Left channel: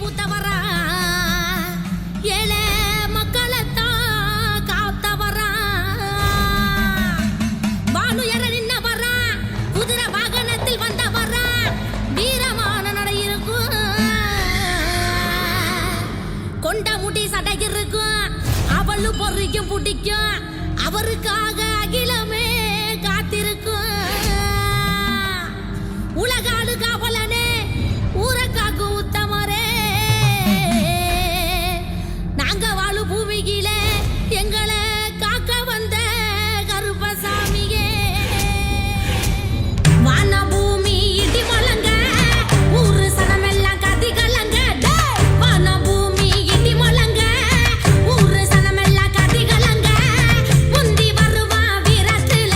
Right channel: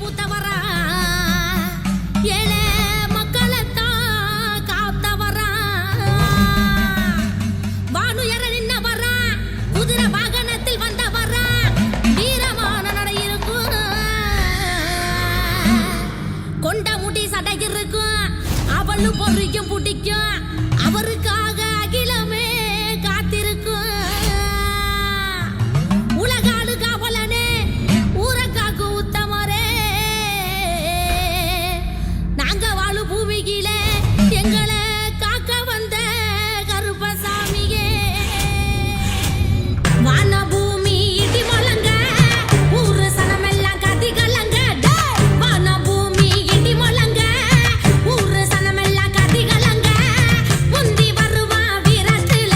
பூத்தவரா ஏழை மக்களைத்தான் காத்தவரா வானுயர நின்னவரா குதிரை வாகனத்தில் வந்தவரா வீரமான நடை இருக்கும் கொண்ட முடி சடை இருக்கும் அவளும் பொறிக்கும் பிடிக்கும் அவருக்காக அகிலமே காத்திருக்கும் உலகாடு காவலனே ஊரக்காக்கு உத்தமரே நாங்க வாழு பூமியிலே எங்களை காக்க வந்த கருப்பசாமியே வான பூமி இடி மலங்க ஊரு சனமெல்லாம் கதி கலங்க வான பூமி இடி மலங்க ஊரு சனமெல்லாம் கதி கலங்க முந்தி வருவான் வீரத்துல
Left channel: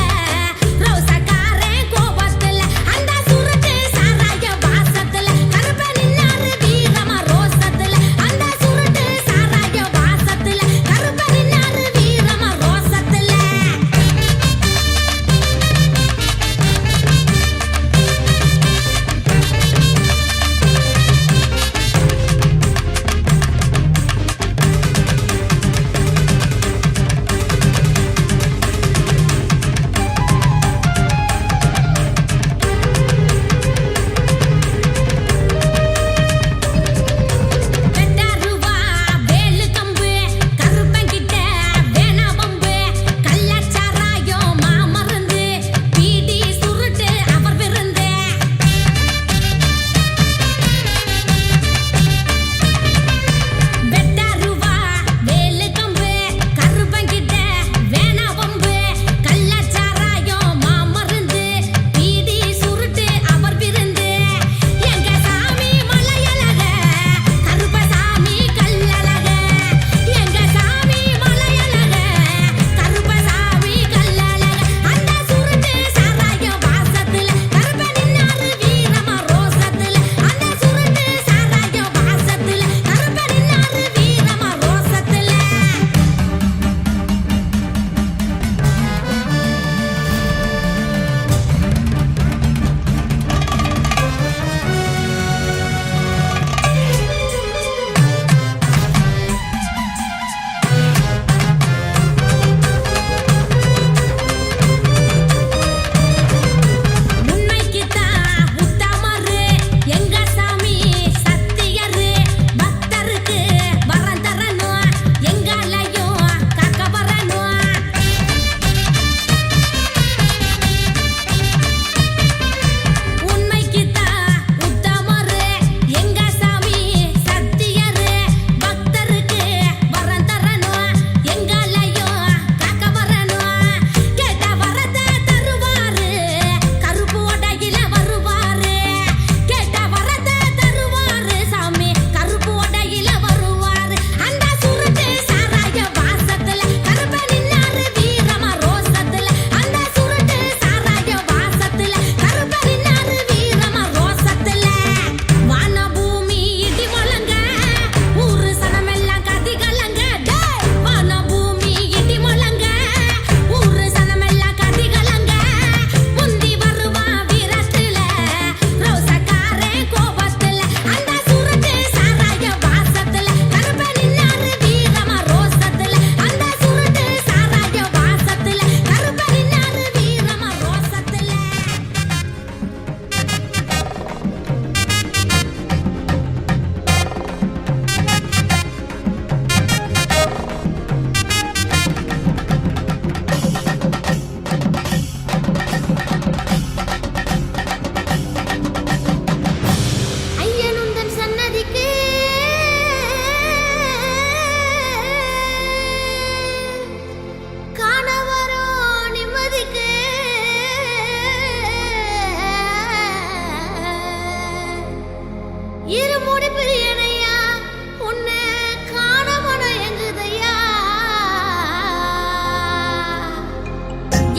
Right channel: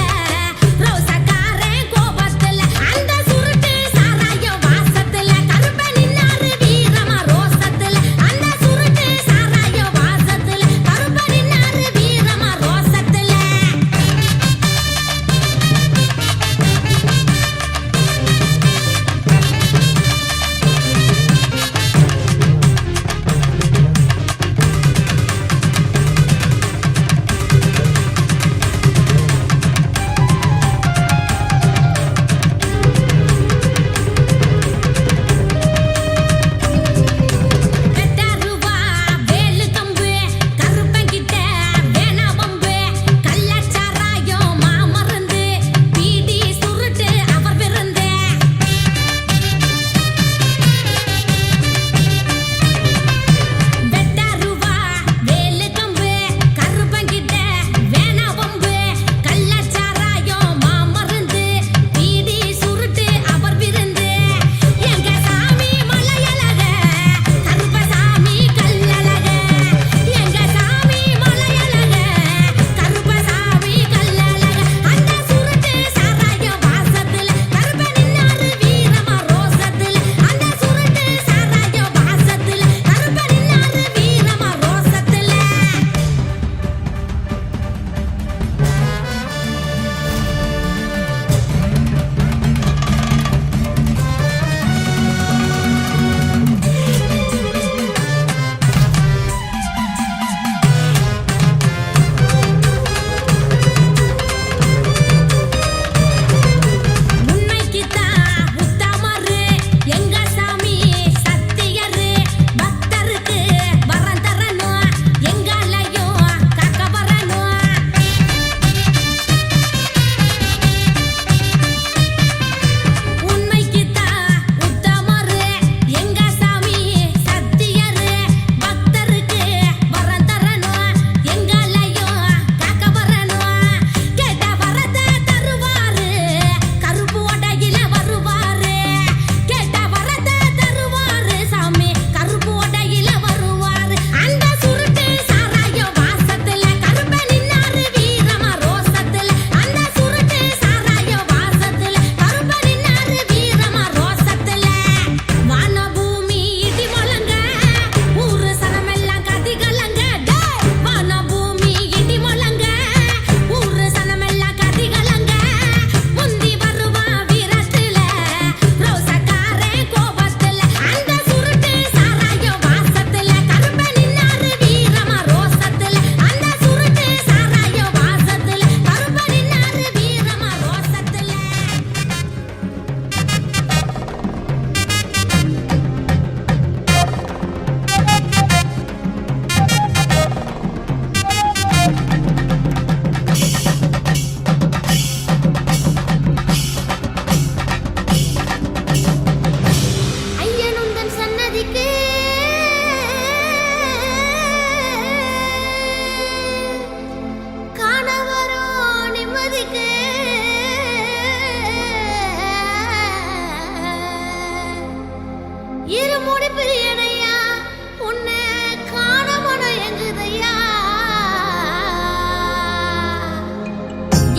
ரோசக்காரன் கோபத்துல அந்த சுருட்டு சாராய வாசத்துல கருப்ப நின்னாரு வீரமா ரோசத்துல அந்த சுருட்டு சாராய வாசத்துல கருப்ப நின்னாரு வீரமா ரோசத்துல வெட்டாருவா வேலு கம்பு கருப்பங்கிட்ட வேணா பம்பு கள்ளச்சாராயம் மாமருந்து பீடி சுருட்டு அவர் விருந்து வெட்டாருவா வேலு கம்பு கருப்பங்கிட்ட வேணா பம்பு கள்ளச்சாராயம் மாமருந்து பீடி சுருட்டு அவர் விருந்து எங்க சாமி மலையழக கருப்பசாமி கல்லழக எங்க சாமி மலையழக கருப்பசாமி கல்லழக அந்த சுருட்டு சாராய வாசத்துல கருப்ப நின்னாரு வீரமா ரோசத்துல அந்த சுருட்டு சாராய வாசத்துல கருப்ப நின்னாரு வீரமா ரோசத்துல உண்மைக்குத்தான் உத்தமரு எங்க சாமி சத்தியரு பக்தருக்கு வரம் தரணும் எங்களையும் காக்க வரணும் உண்மைக்குத்தான் உத்தமரு எங்க சாமி சத்தியரு பக்தருக்கு வரம் தரணும் எங்களையும் காக்க வரணும் கேட்ட வரத்தை தருவாரு கருப்பு உடையில வருவாரு கேட்ட வரத்தை தருவாரு சாமி கருப்பு உடையில வருவாரு அந்த சுருட்டு சாராய வாசத்துல கருப்ப நின்னாரு வீரமா ரோசத்துல அந்த சுருட்டு சாராய வாசத்துல கருப்ப நின்னாரு வீரமா ரோசத்துல வான பூமி இடி மலங்க ஊரு சனமெல்லாம் கதி கலங்க வான பூமி இடி மலங்க ஊரு சனமெல்லாம் கதி கலங்க முந்தி வருவான் வீரத்துல ரோசக்காரன் கோபத்துல அந்த சுருட்டு சாராய வாசத்துல கருப்ப நின்னாரு வீரமா ரோசத்துல அந்த சுருட்டு சாராய வாசத்துல கருப்ப நின்னாரு வீரமா ரோசத்துல ஐயனுந்தன் சன்னதிக்கு காண வரும் நிம்மதிக்கு இருமுடி பிரியனையா உன்னை காண மனம் எங்குதையா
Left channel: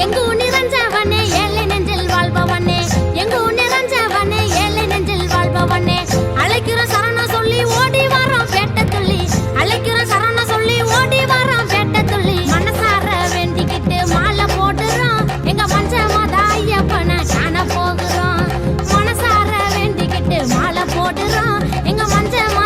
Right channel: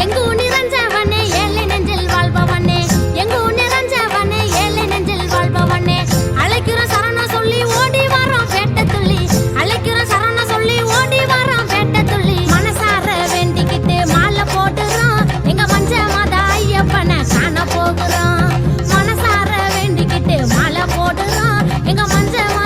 எங்கு நிறைஞ்சவனே ஏழை நெஞ்சில் வாழ்பவனே எங்கு நிறைஞ்சவனே ஏழை நெஞ்சில் வாழ்பவனே அழைக்கிற சரணம் சொல்லி ஓடி வரோம் பேட்ட துள்ளி அழைக்கிற சரணம் சொல்லி ஓடி வரோம் பேட்ட துள்ளி மனசார வேண்டிக்கிட்டு மாலை போடுறோம் எங்க பஞ்சமாத ஐயப்பனை காண போகிறோம் மனசார வேண்டிக்கிட்டு மாலை போடுறோம் எங்க பஞ்சமா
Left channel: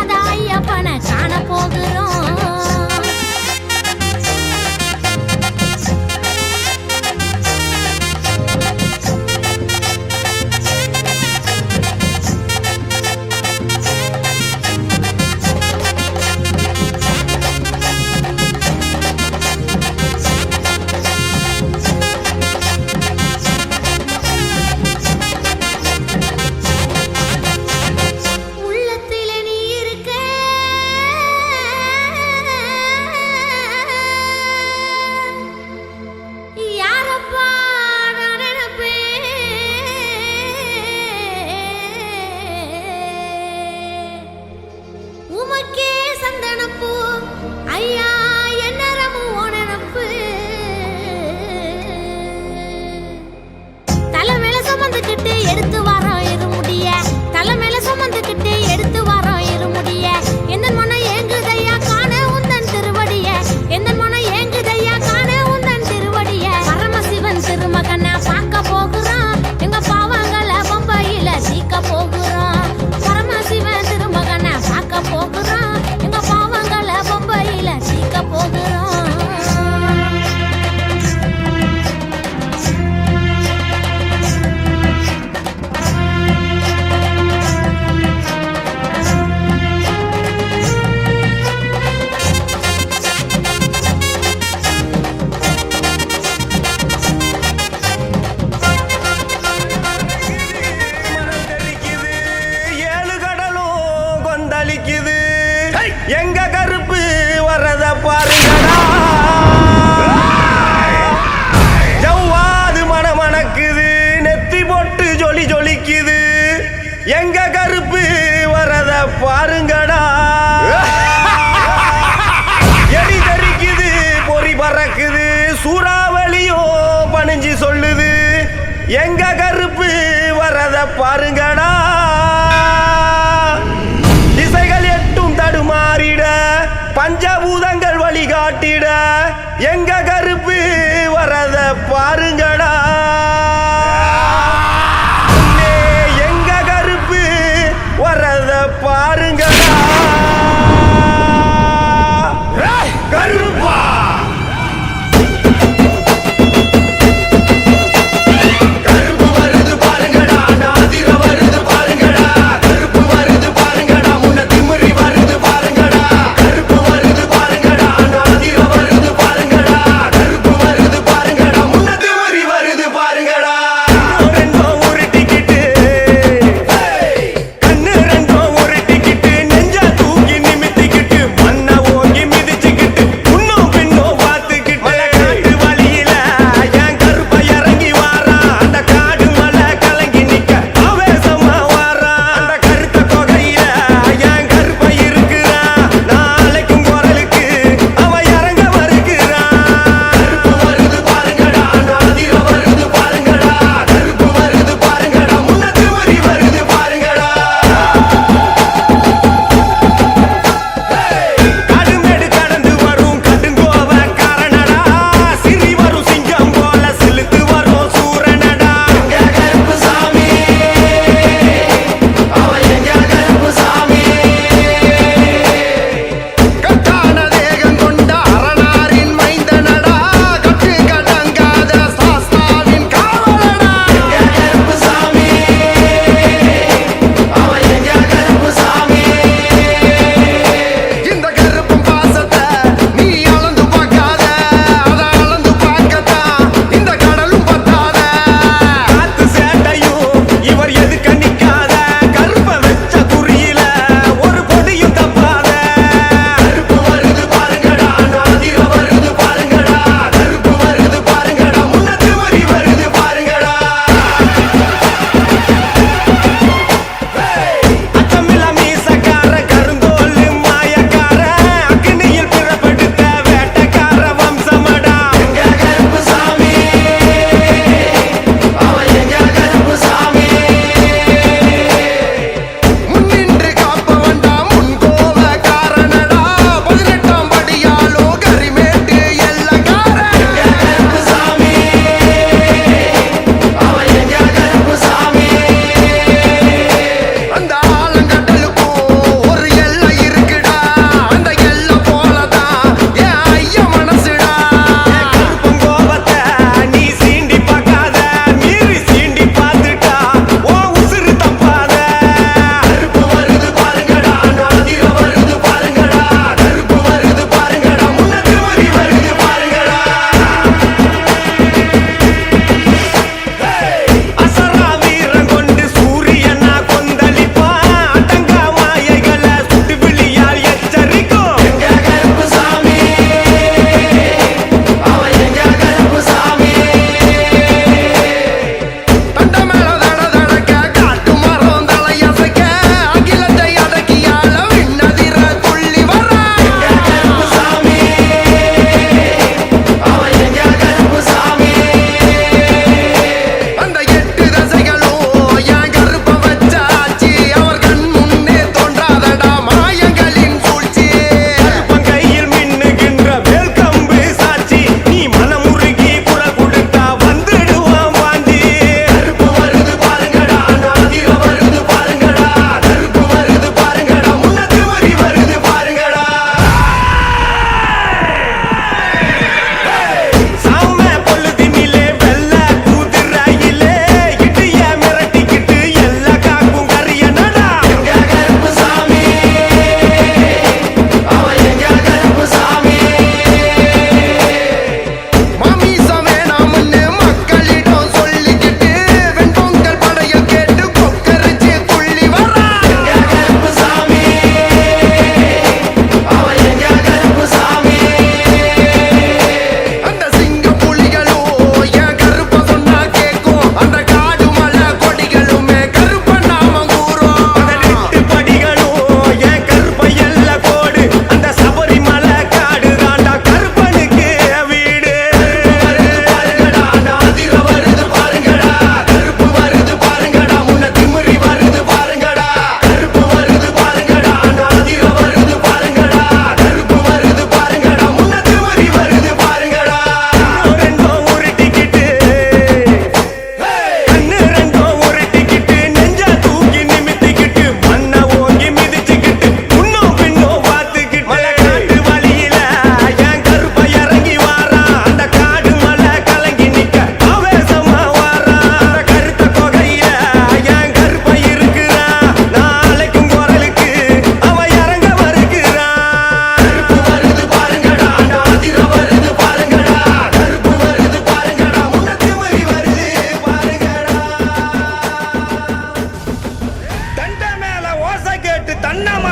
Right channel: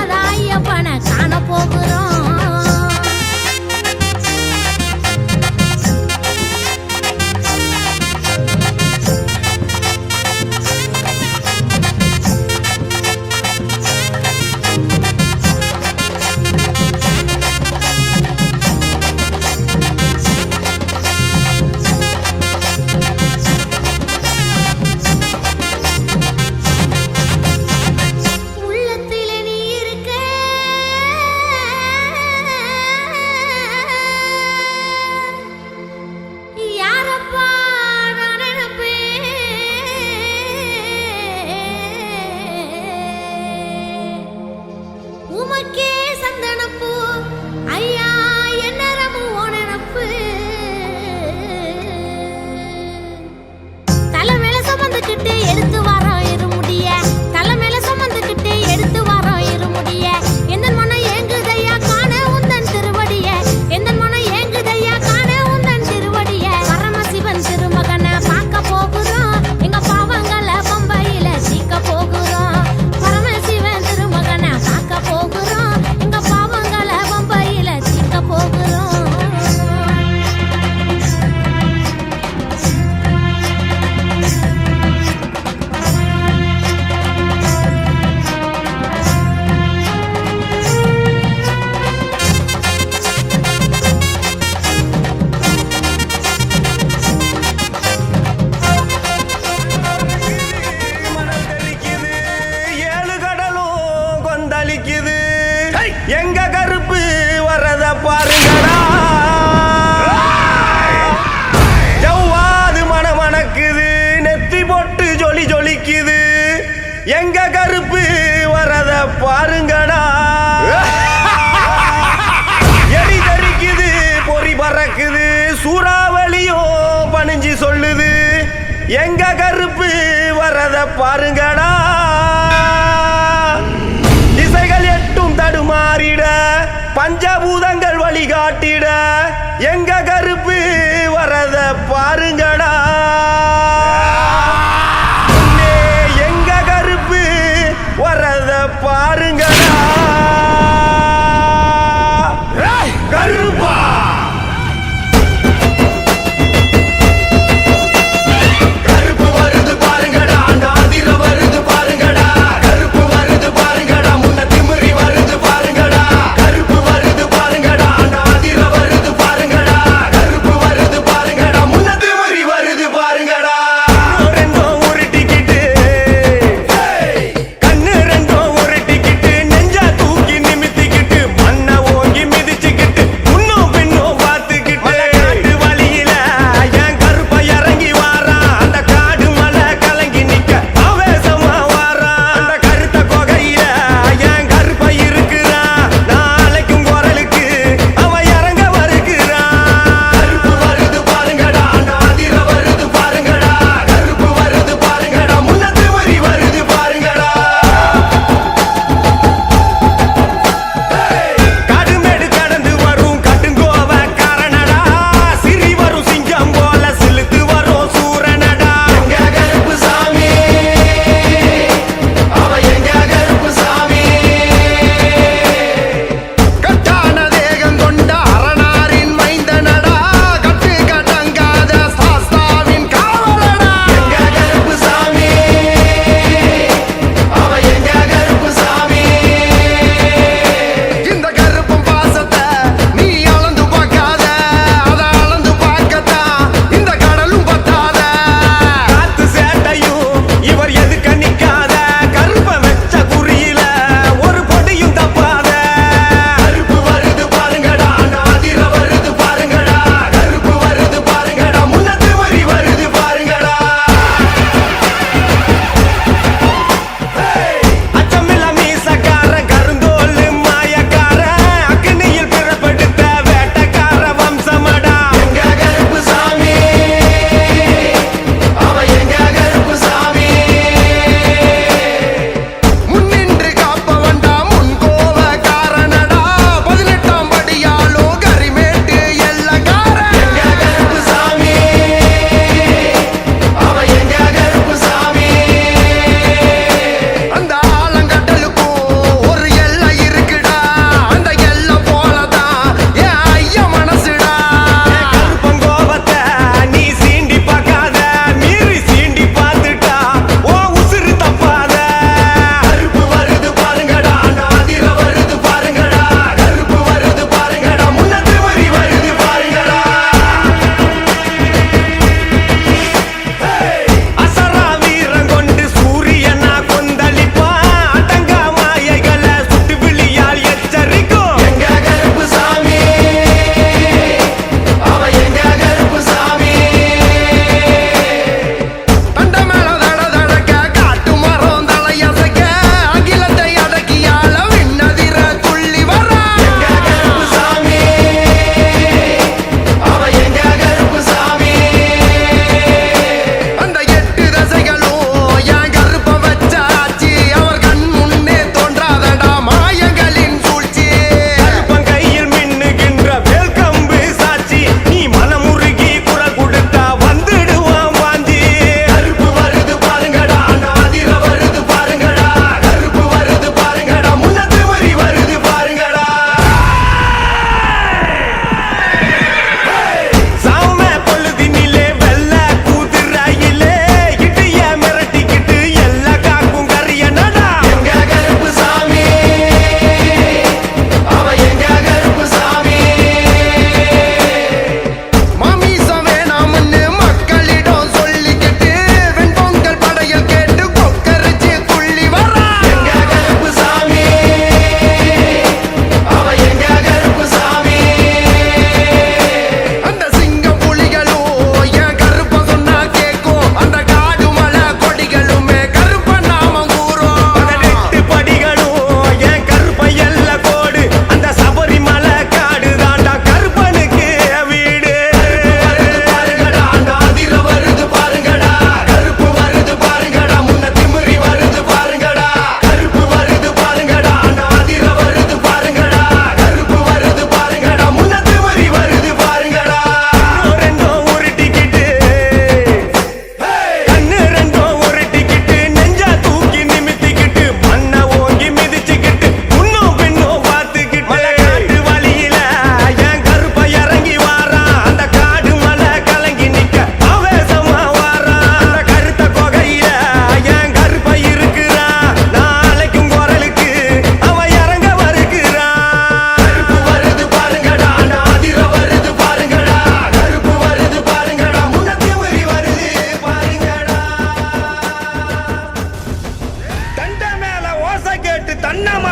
பூவுக்கே சந்தனப்பூ ஐயா என்ன ரமு ஓனப்பு தலை மேல சுமந்துக்கிட்டு எடுத்து வரோம் இருமுடிய தலை மேல சுமந்துக்கிட்டு எடுத்து வரோம் இருமுடிய எந்த மனம் ஏங்குதையா காண உந்தன் திருவடிய எந்த மனம் ஏங்குதையா காண உந்தன் திருவடிய பரமசிவன் திருமகனை பார்க்க போகுறோம் எங்க பாவங்களை பம்பையில சீக்க போகுறோம் பரமசிவன் திருமகனை பார்க்க போகுறோம் எங்க பாவங்களை பம்பையில சீக்க போகுறோம் மணல் தெறிக்குது, ஏழு கடலும் கொந்தளிக்குது. எங்க கருப்பு வரத பாருங்கடா ஜவ்வாது மணக்குது நெத்தி போட்டு ஜொலி ஜொலிக்குது எங்க கருப்பு வரத பாருங்கடா எலி தெறிக்குது பொறி பறக்குது சூறாவளியும் பணிஞ்சு சொல்லுது எங்க கருப்பு வரத பாருங்கடா திசைகள் எட்டும் தடுமாறிட பஞ்சபூதங்கள் வழிகாட்டிட எங்க கருப்பு வரத பாருங்கடா முன்னே எங்க கருப்பு வரத பாருங்கடா கருப்பா கருப்பு வருது பாருங்கடா நாதிர வருது பாருங்கடா கருப்பு வருது பாருங்கடா முன்ன திமிரி வருது பாருங்கடா கருப்பு வருது பாருங்கடா நாதிர வருது பாருங்கடா கருப்பு வருது பாருங்கடா முன்ன திமிரி வருது பாருங்கடா ரெண்டும் ஒரு டிக்கெட்டு கண்ணு ரெண்டும் ஒரு டிக்கெட்டு நெஞ்ச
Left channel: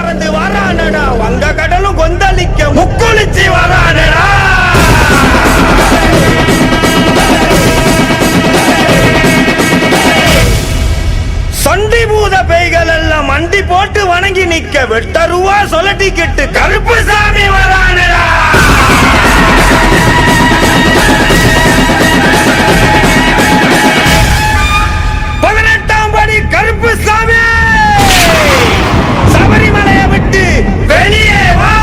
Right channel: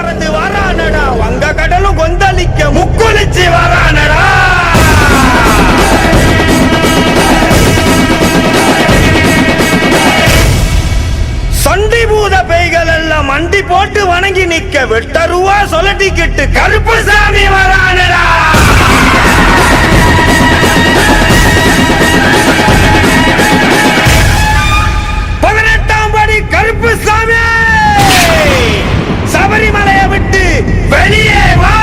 பறந்து வரானடா வங்க கடலும் கொந்தளிக்க முக்குளிச்சு வரானடா சண்டி பூத பேய்கள் எல்லாம் மண்டி போட்டு வணங்கி நிக்க வெட்டருவா சொல்லட்டிக்கிட்டு கருப்பு சாமி வரானடா கருப்பு சாமி சபரிமலையை விட்டு வெளியே வா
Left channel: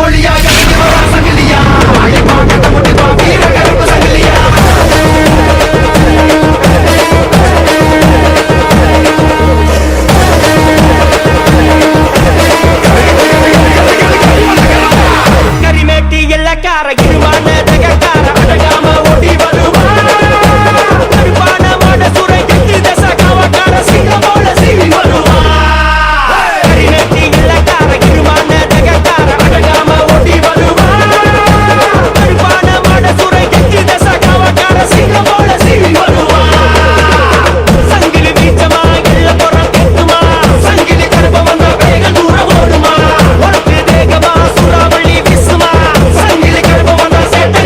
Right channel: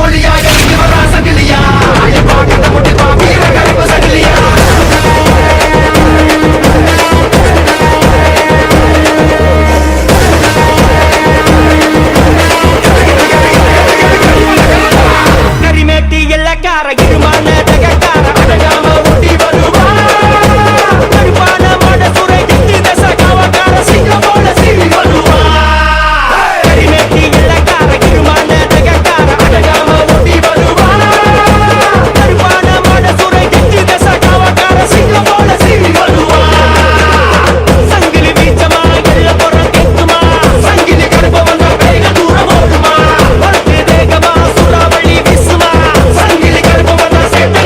ஒளியா இறங்கி வரா சங்கிலியா அழிப்பா கட்ட முடிப்பா வீர கருப்பு சங்கிலியா கரிமேட்டி எல்லக்கார இருமான தகக்கார அடகாம ஓடி வருவா கருப்பான மாட சுரை எட்டு தச காவக்கார சிங்கம் போல சீறி வருவா கரிமேட்டி எல்லக்கார இருமான தகக்கார அடகாம ஓடி வருவா கருப்பான மாட சுரை எட்டு தச காவக்கார சிங்கம் போல சீறி வருவா சங்கிலி வீச்சமா எல்ல புறம் கேட்குமா சங்கிலி கருப்ப வந்தா வேக தூரம் ஓடுமா ஒருத்து தேகமா சூறாவளி வீசுமா சங்கிலி கருப்ப வந்தா சேட்ட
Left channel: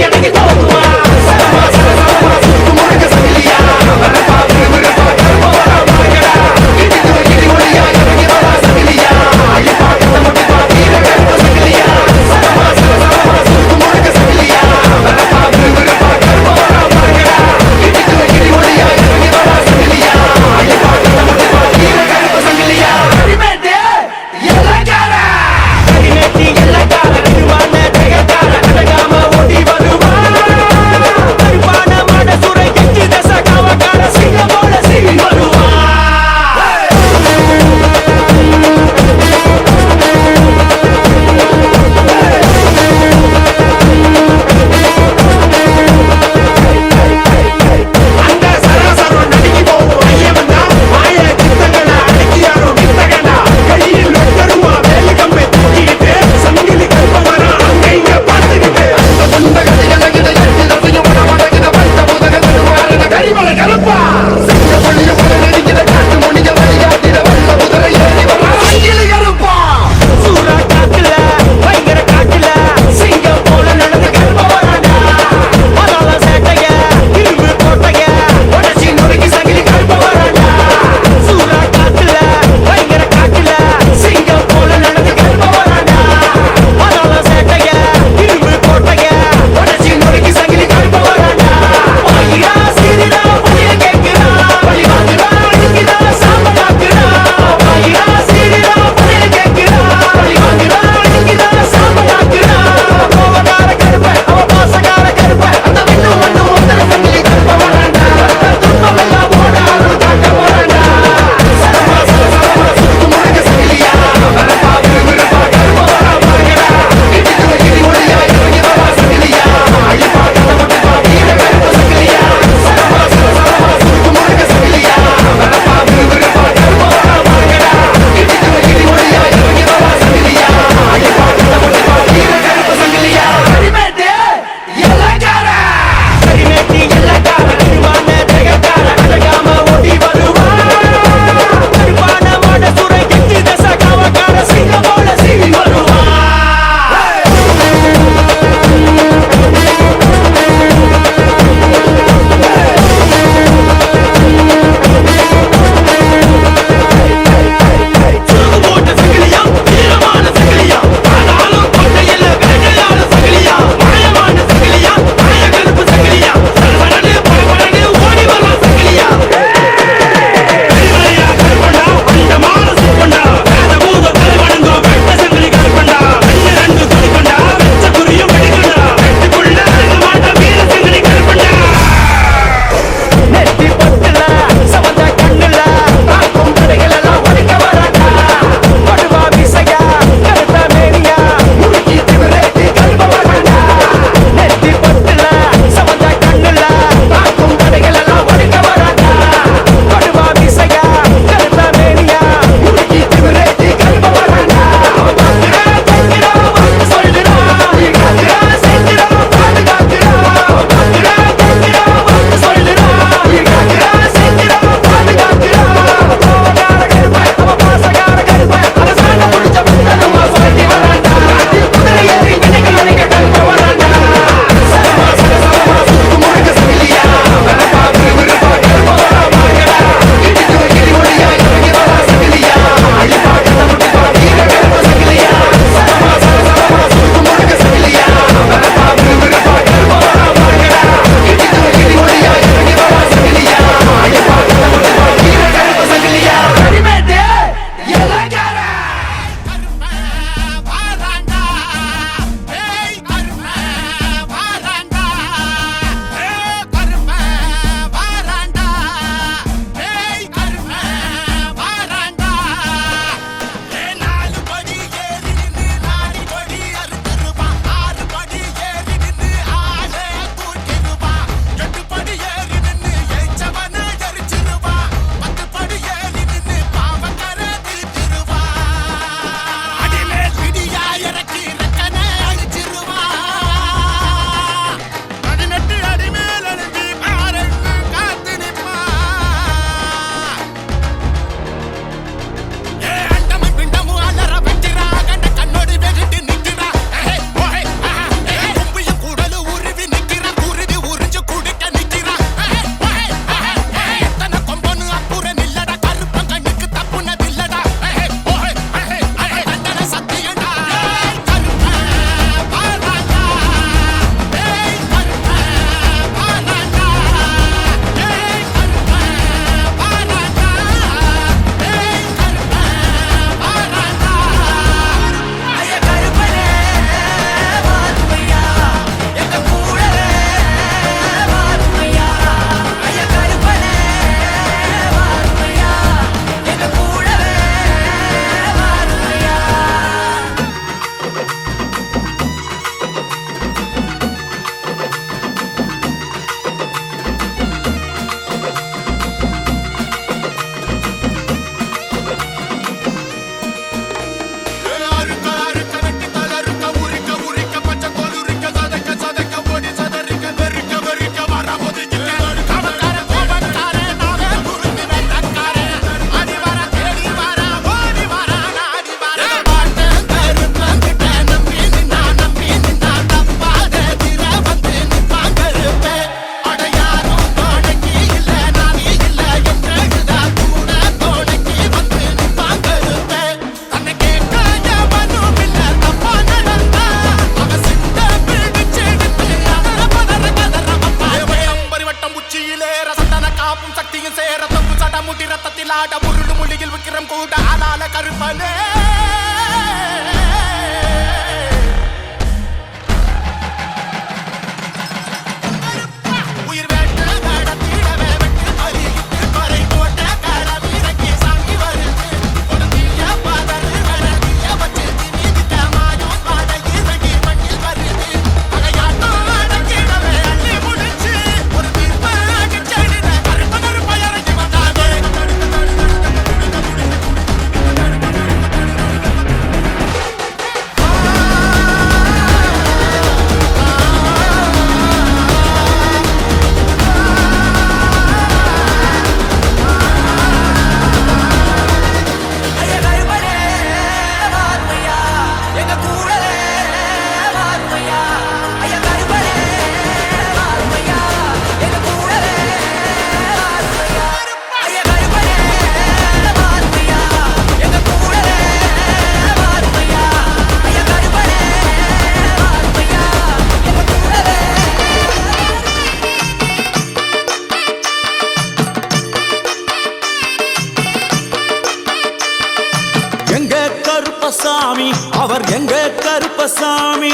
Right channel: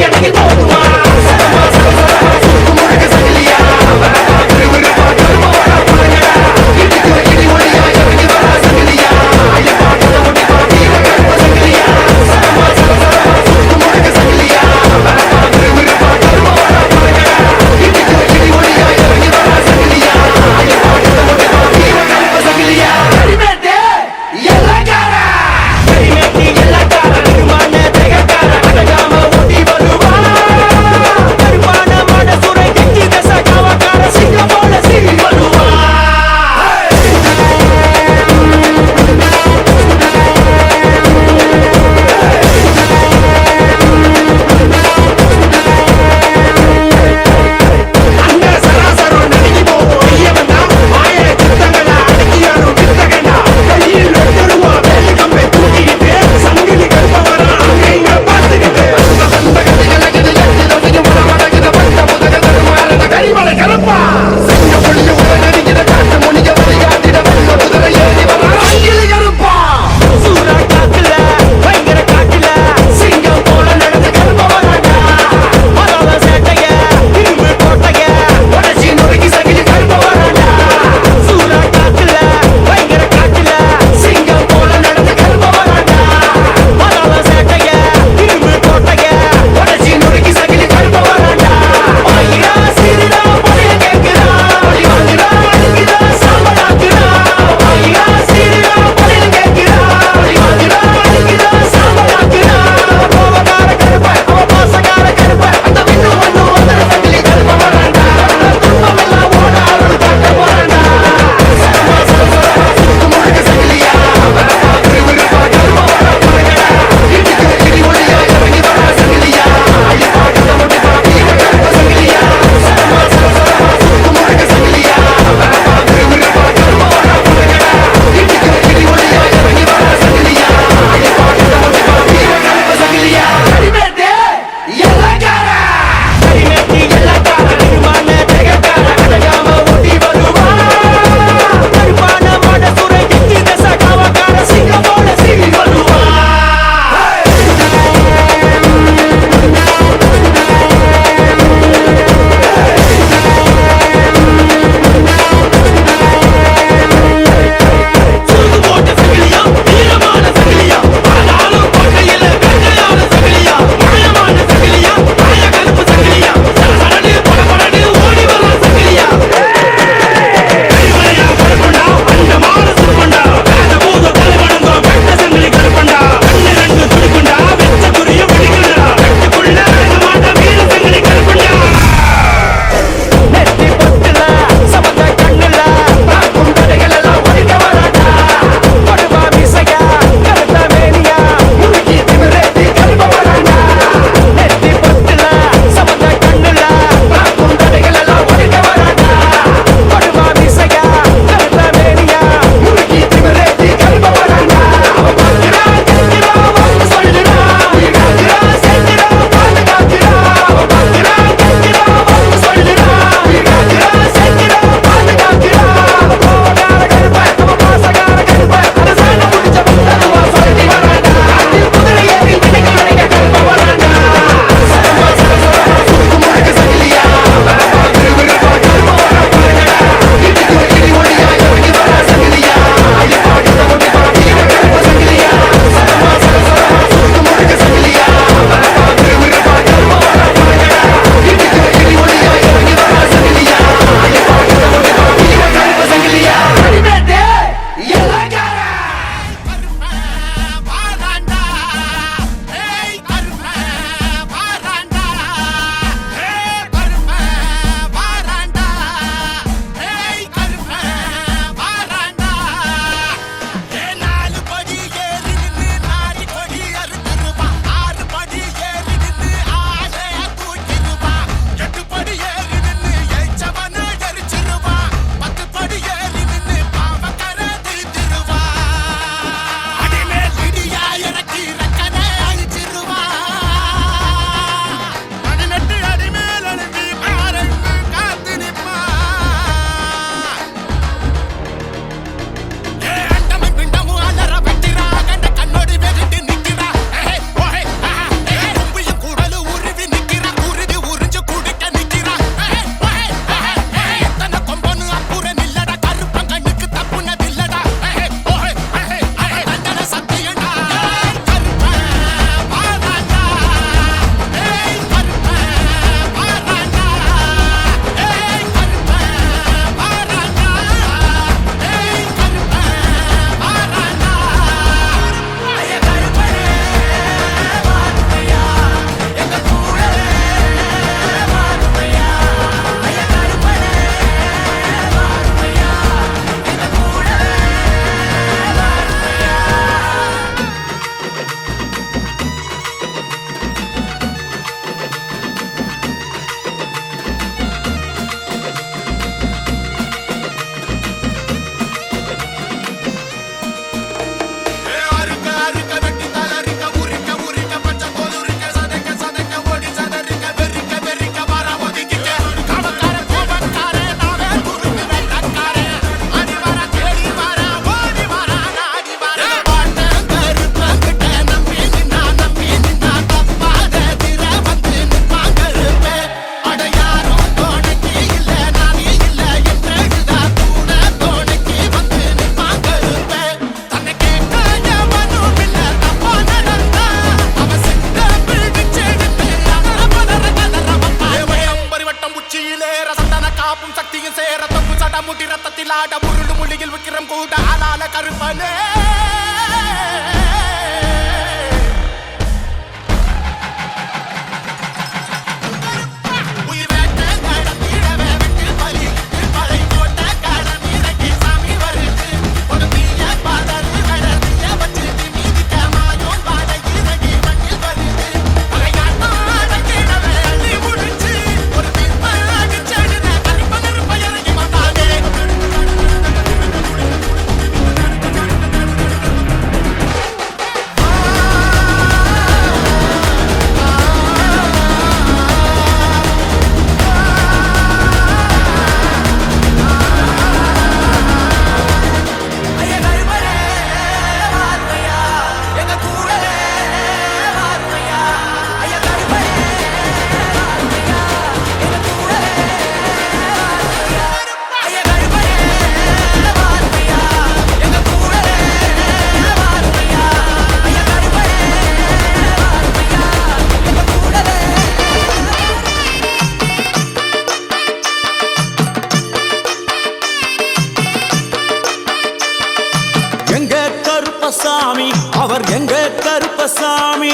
கருப்பசாமி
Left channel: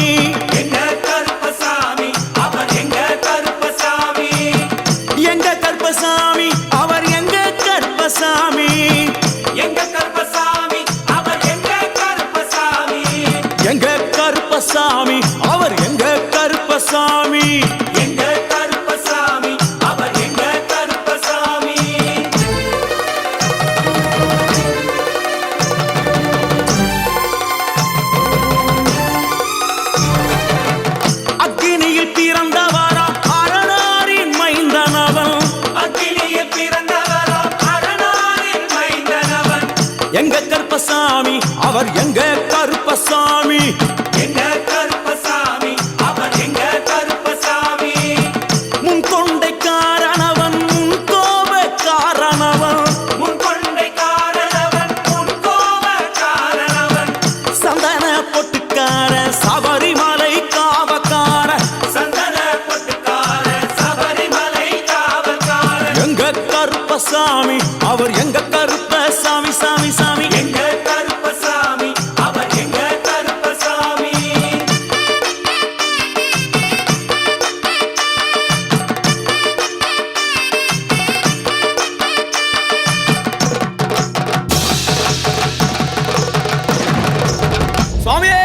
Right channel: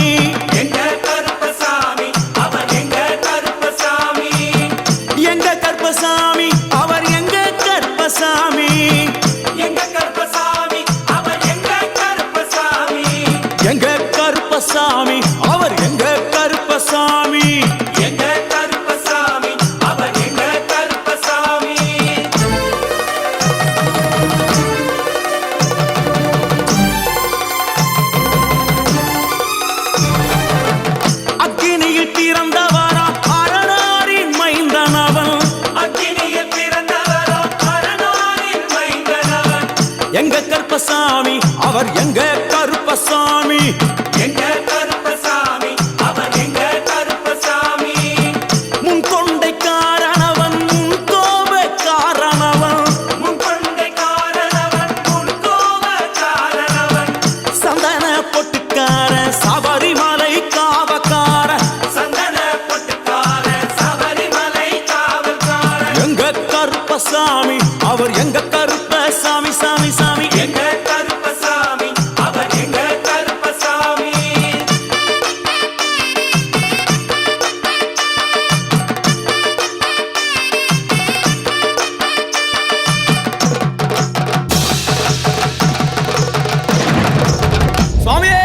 எங்க கருப்பசாமி அவர் எங்க கருப்பசாமி எங்க கருப்பசாமி அவர் எங்க கருப்பசாமி எங்க கருப்பசாமி அவர் எங்க கருப்பசாமி எங்க கருப்பசாமி அவர் எங்க கருப்பசாமி எங்க கருப்பசாமி அவர் எங்க கருப்பசாமி அக்கினியில் பிறந்தவரா அரணாரின் மைந்தனவன் அக்கினியில் பிறந்தவரோ அரணாரின் மைந்தனவன் எங்க கருப்பசாமி அவர் எங்க கருப்பசாமி எங்க கருப்பசாமி அவர் எங்க கருப்பசாமி முன் கொண்டை காரணவன் முன் கோப காரணவன் முன் கொண்டை காரணவன் முன் கோப காரணவன் சந்தன பொட்டுக்கார சபரிமலை காவக்கார சந்தன பொட்டுக்கார சபரிமலை காவல்காரன் எங்க கருப்பசாமி அவர் எங்க கருப்பசாமி சாமி சாமி எங்க கருப்பசாமி அவர் எங்க கருப்பசாமி சுவாமியே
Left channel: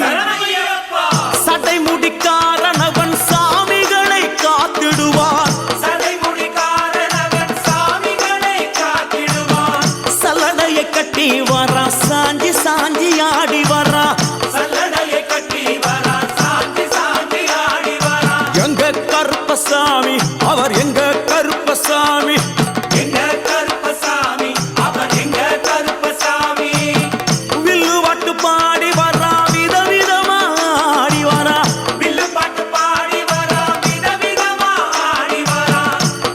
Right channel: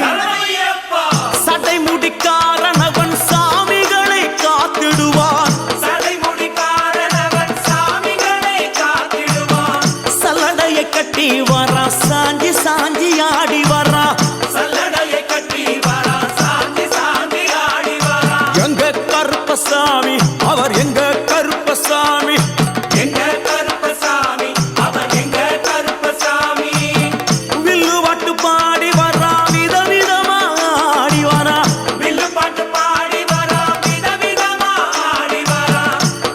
சரணமையப்பா சட்டை முடிக்காரணவன் சாமிகளை காத்திடுவான் சடைமுடி காரணவன் சாமிகளை காத்திடுவான் சல்லடையை கட்டி வரா சாஞ்சி சாஞ்சி ஆடி வரா சல்லடையை கட்டி வரா சாந்தி சாந்தி ஆடி வரா எங்க கருப்பசாமி அவர் எங்க கருப்பசாமி எங்க கருப்பசாமி அவர் எங்க கருப்பசாமி வில்லு வாட்டு பாடி வரா விதவிதமா ஆடி வரா வில்லு பாட்டு பாடி வரா விதவிதமா ஆடி வரா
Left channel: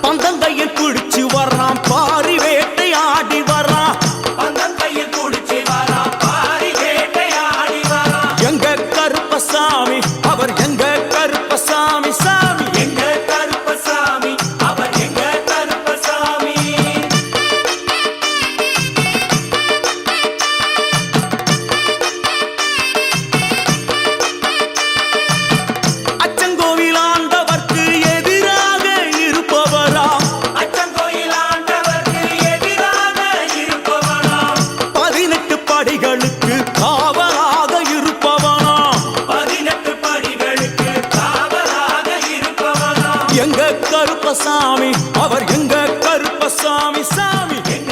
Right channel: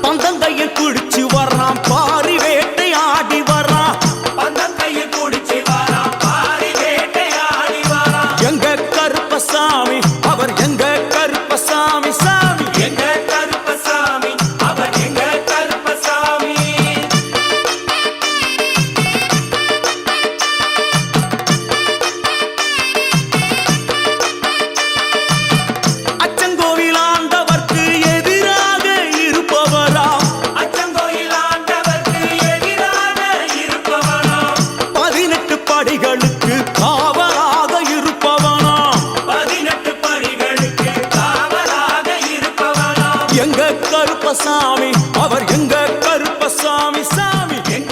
பந்தங்கையில் பிடிச்சு வர்றான் பாரி வேட்டை ஆடி வரா பந்தம் கையில் குடிச்சு வரா பாரி வேட்டையாடி வரா எங்க கருப்பசாமி அவர் எங்க கருப்பசாமி சாமி எங்க கருப்பசாமி அவர் எங்க கருப்பசாமி அச்சங்கோவில் ஆண்டவர்க்கு எதிராக இருப்பவராம் அச்சங்கோயில் ஆண்டவர்க்கு எதிராக இருப்பவனாம் 18 படிகளுக்கு காவலாக இருப்பவனாம் 18 படிகளுக்கு காவலாக இருப்பவனாம் எங்க கருப்பசாமி அவர் எங்க கருப்பசாமி சாமி எங்க